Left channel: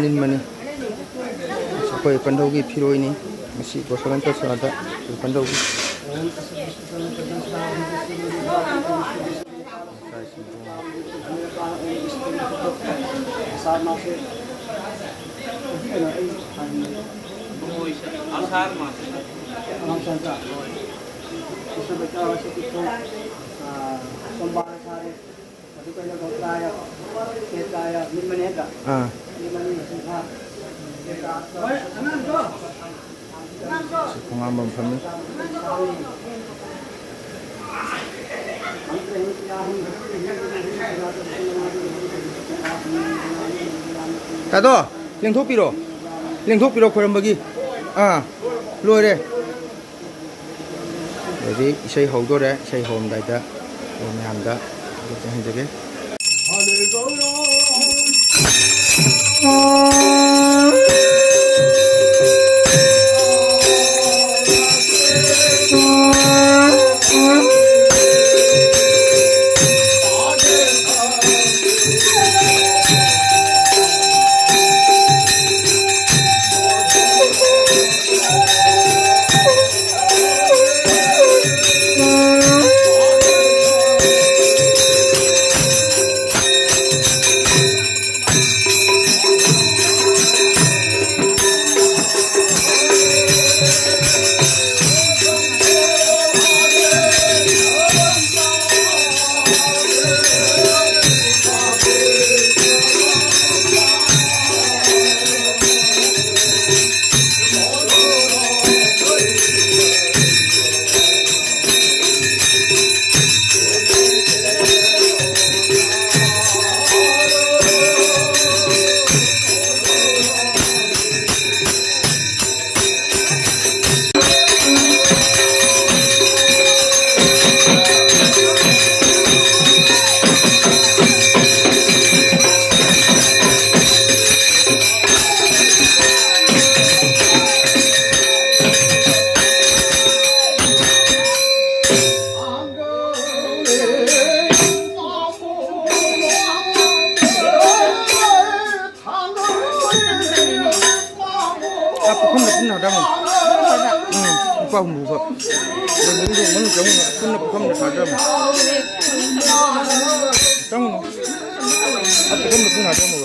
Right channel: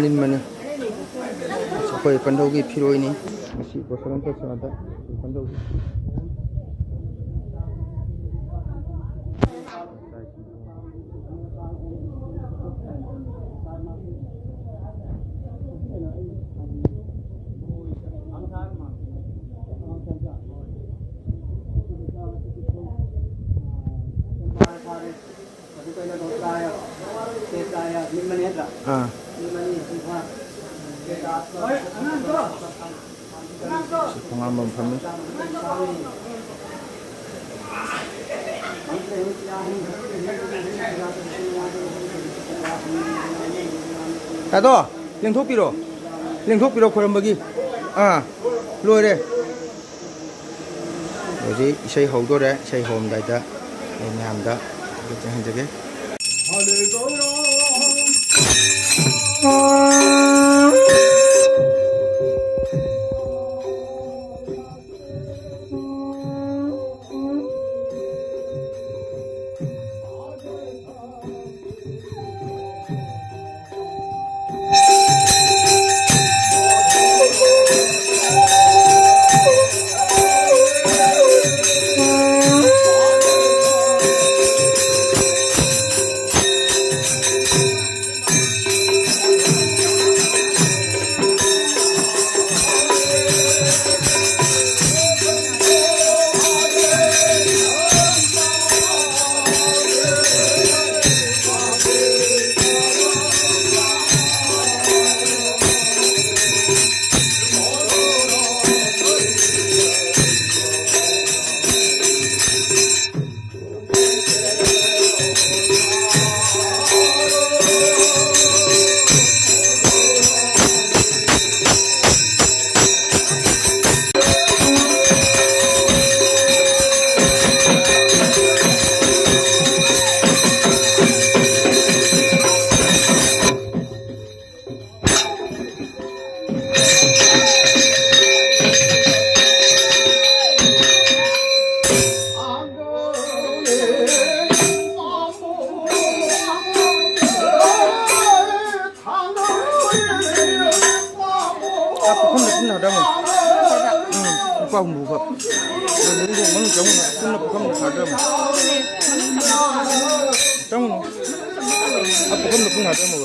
Linmani. Sampai epanthaugi phiroini ngasi bosalan tasada epanthaugi. Pengalaman kami. Tato, lengthok piro koram bagi. Loi re. Jadi isai haudo re, isai hom dai da, mayam da, jangan jage. Qua hùng phật rồi muốn dùng món trống cũng là không được thả ra mà trống nó không được thả ra mà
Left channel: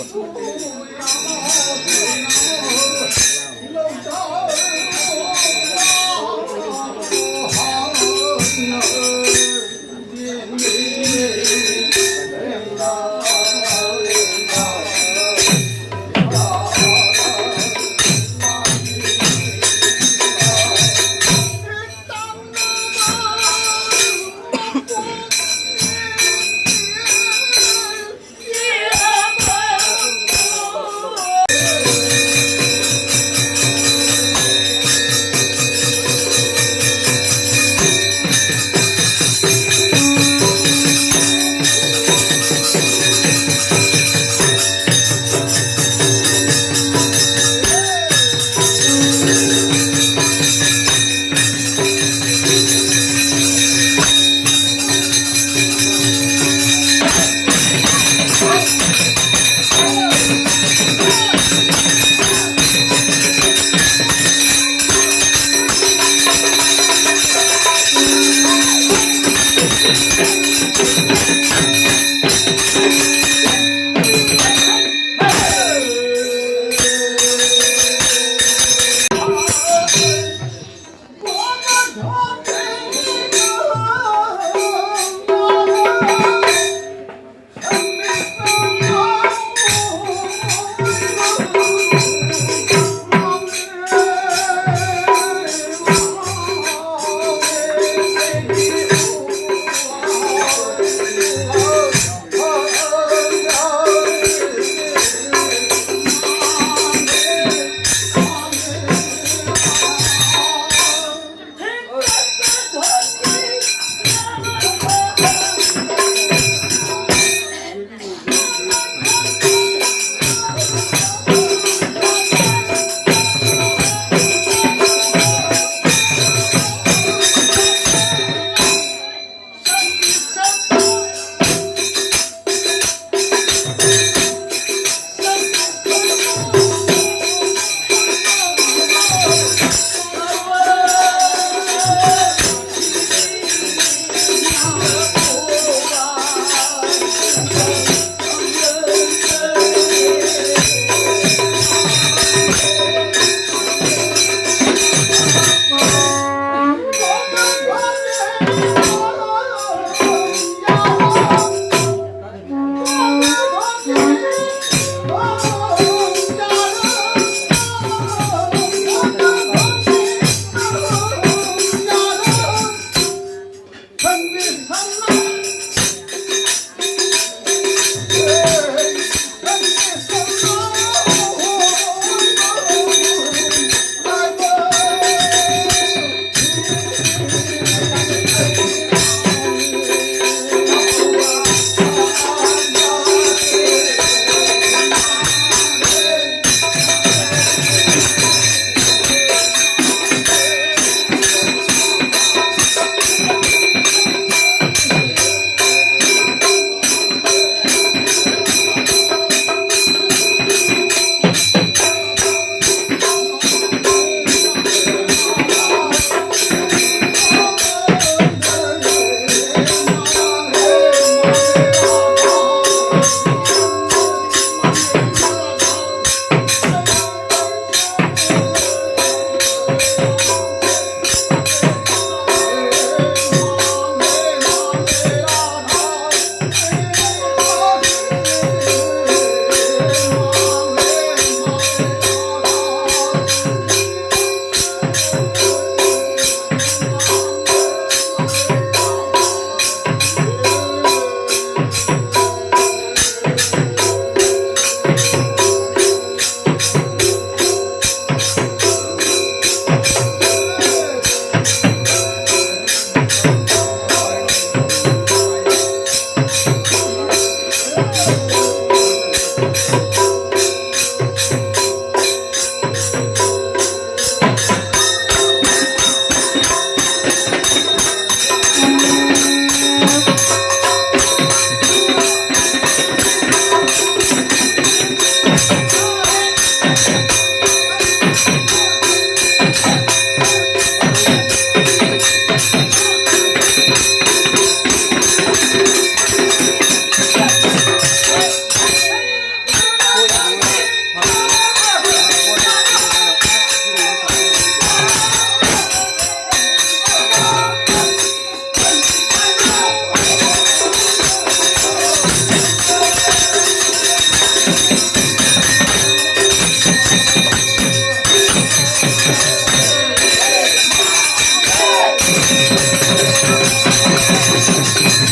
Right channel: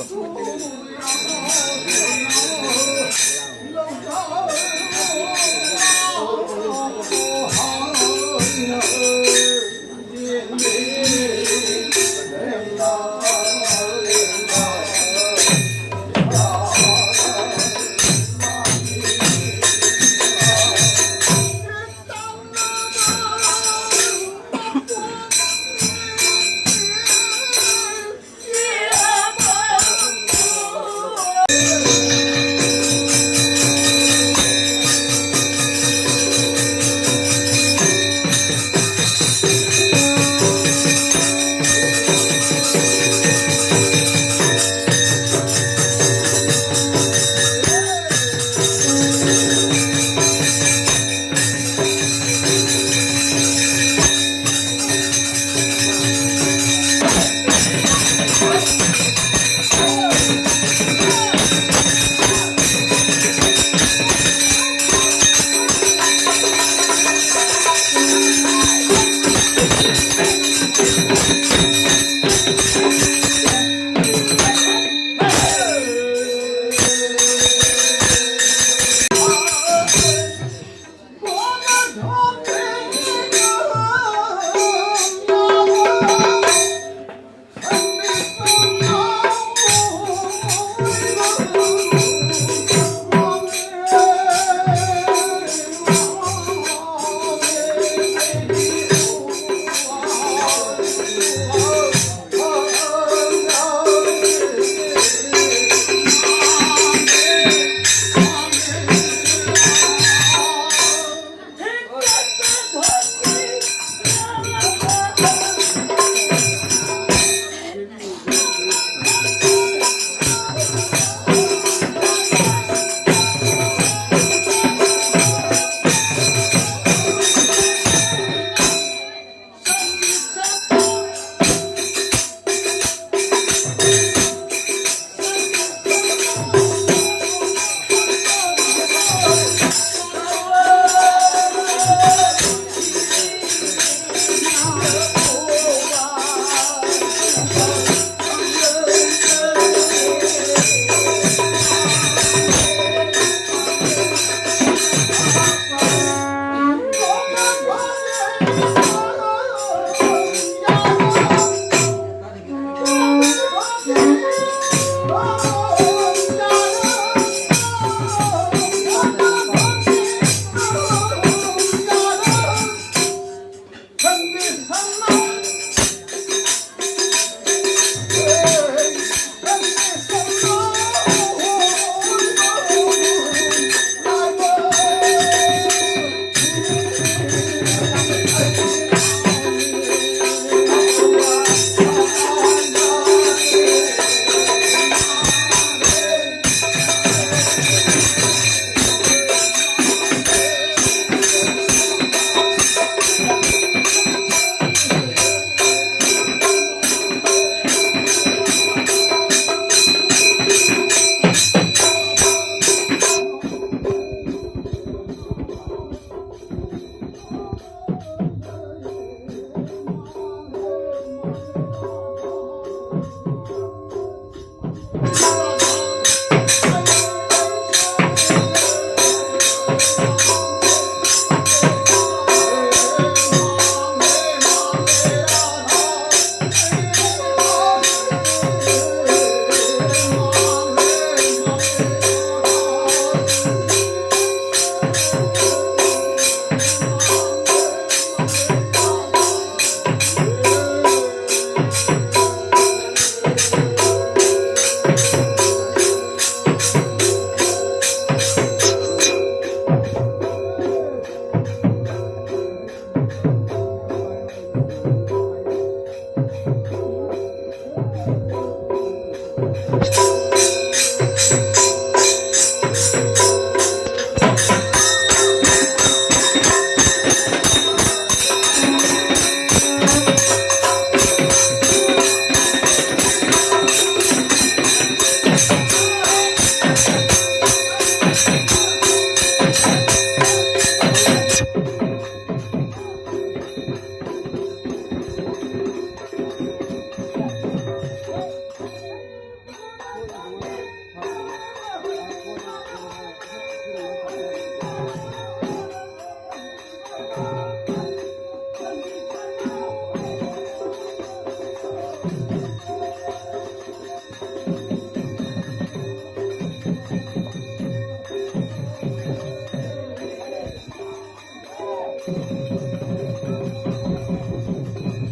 giờ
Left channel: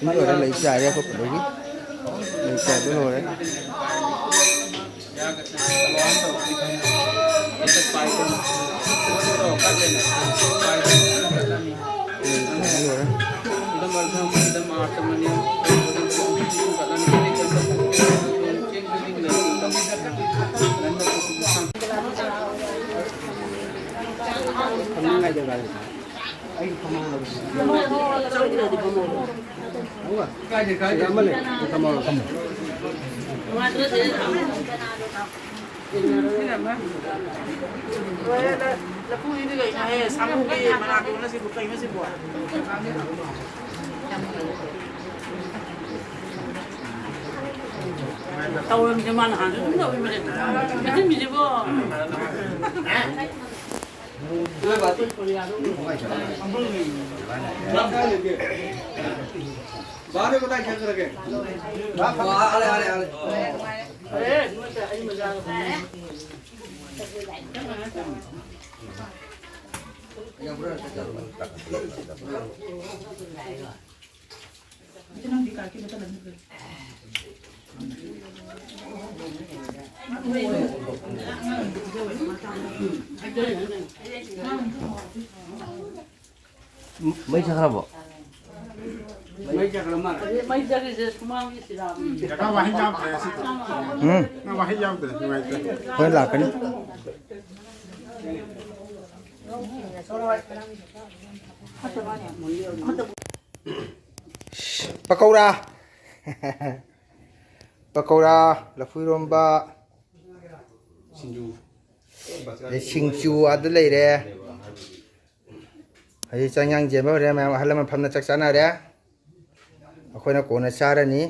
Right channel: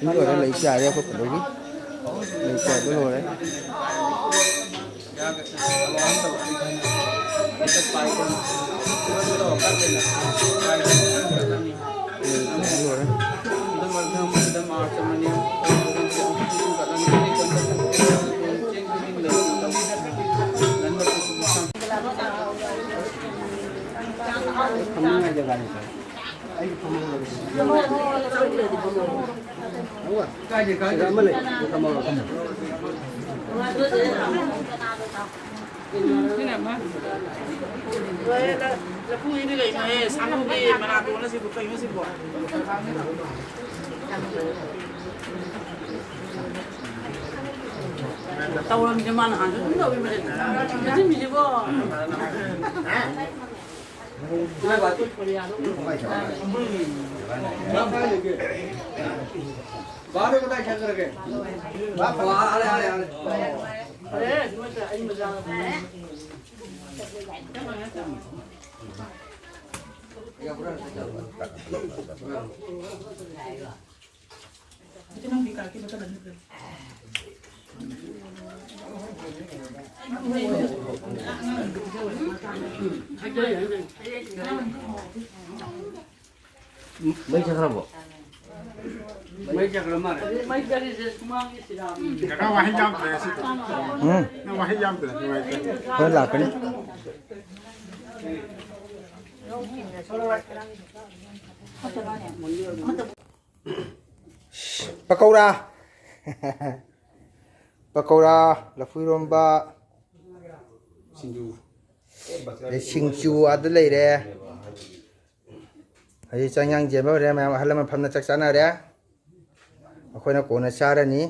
những người đã lấy trà ra không phải đâu lấy trà với rồi đấy tàu làm cho man hàng cũng được mà cái gì gì vô mấy chắc không? mấy giờ thì semua mesti dah. Kau wahai jam tu, nak wahai jam tu, hơi lạc cái pakora pakora là phiroini singju ada lagi deh hay chang yang je bao deh mà hay là mình phàm na chắc chắn nào deh khôi nó cố nó xa ra ní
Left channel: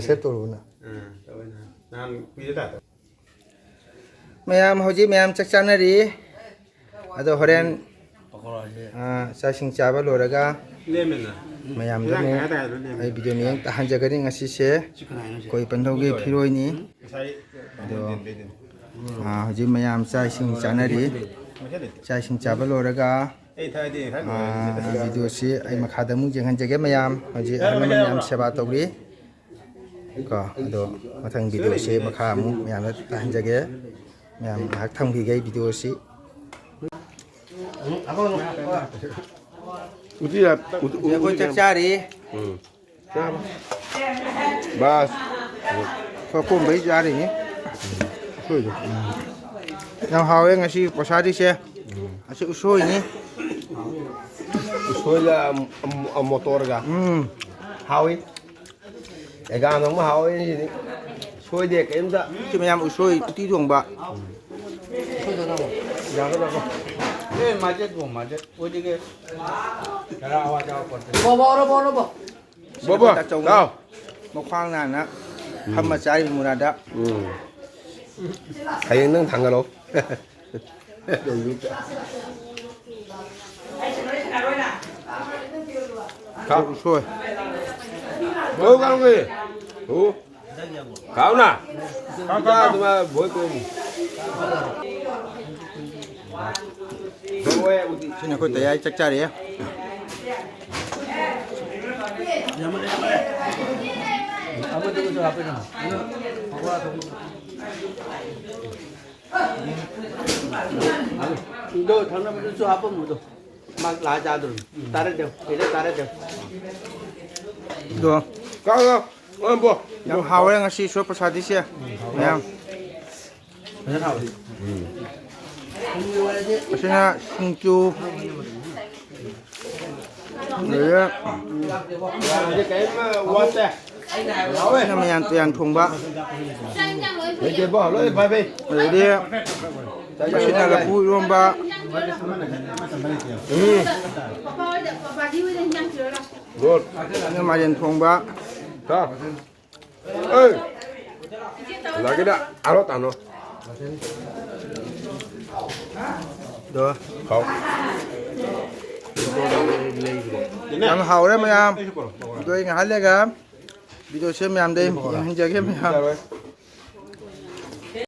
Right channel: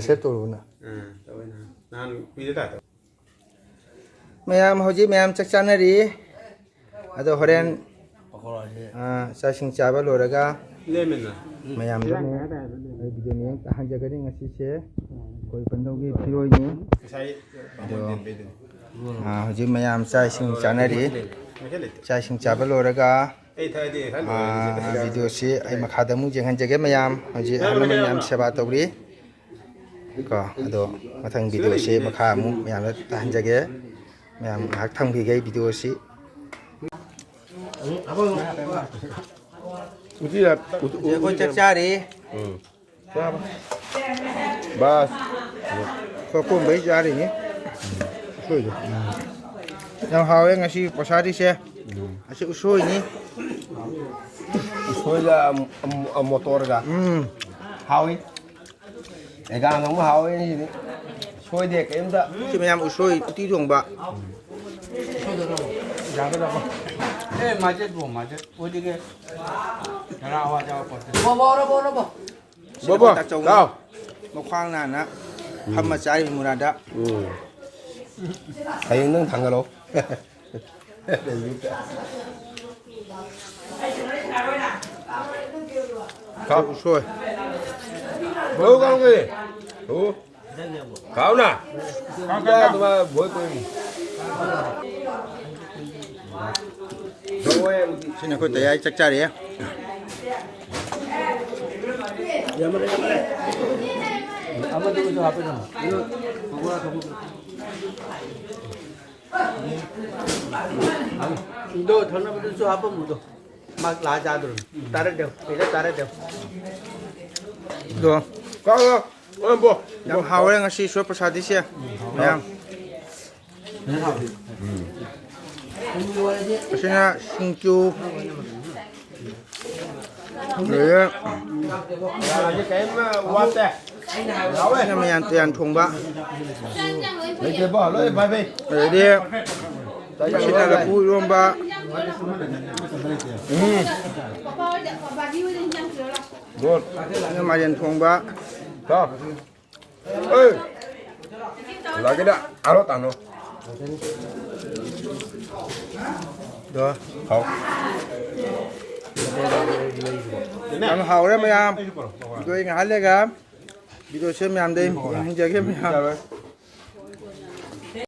sẽ tổ luôn à mayam hồi mayam chắc chắn là đi à đâu horen sa sing chaba loraga mayam do ne ai video ni yang tahan jaga ni ngasi se koi epanthaugi phiroini do hoji mayam sa sing chanari sa sing chaba loraga video se ai makhada mu jenghan jaga mayam hoji mayam seba tawri ko ado mathang video se makha mu mayam tahan jaga mayam hak thang bi gai video se uti ya, con chắc cha đi, bas, có cuốn bấy ra đi nhé, nào hào em ngasi posa đi xe, sự sôi nhé, sôi là motor ga, hào ấy, cái gang nó hào ấy, sôi để cái em đó, chứ mày làm sôi tí ruộng bạ, ra cái đó. Macet bu macet, udah ke, cara awak jawab apa? bố đâu, một khoang này nè, hâm mà trái mùa đã, thấy nó thằng cái đó, không sôi, bố con gì, cáo nè, ra tụi mà bố quên. xin lỗi thầy ai chắc cha đi, Apa tu tu apa nama? Itu thằng nào tu apa mu tu? Mak laja tu, tarik dia, ini tarik dia. được, Có không bố, làm hào em ngasi sôi posa đi xe, mày làm, xin là sinh chu, rồi cái quá tệ, là mày ăn tiền thùng bạ, lấy cái bỏ lấy phải về, rồi đi, xin là vui luôn bạ, good, nhưng mà tiền thùng bạ, đó ơi là cái đó áo nó tàn rồi เด้อ không ăn hàu đấy mày am. Tôi ngã lên cái. Video xem mày am đây, anh chơi cái mày am.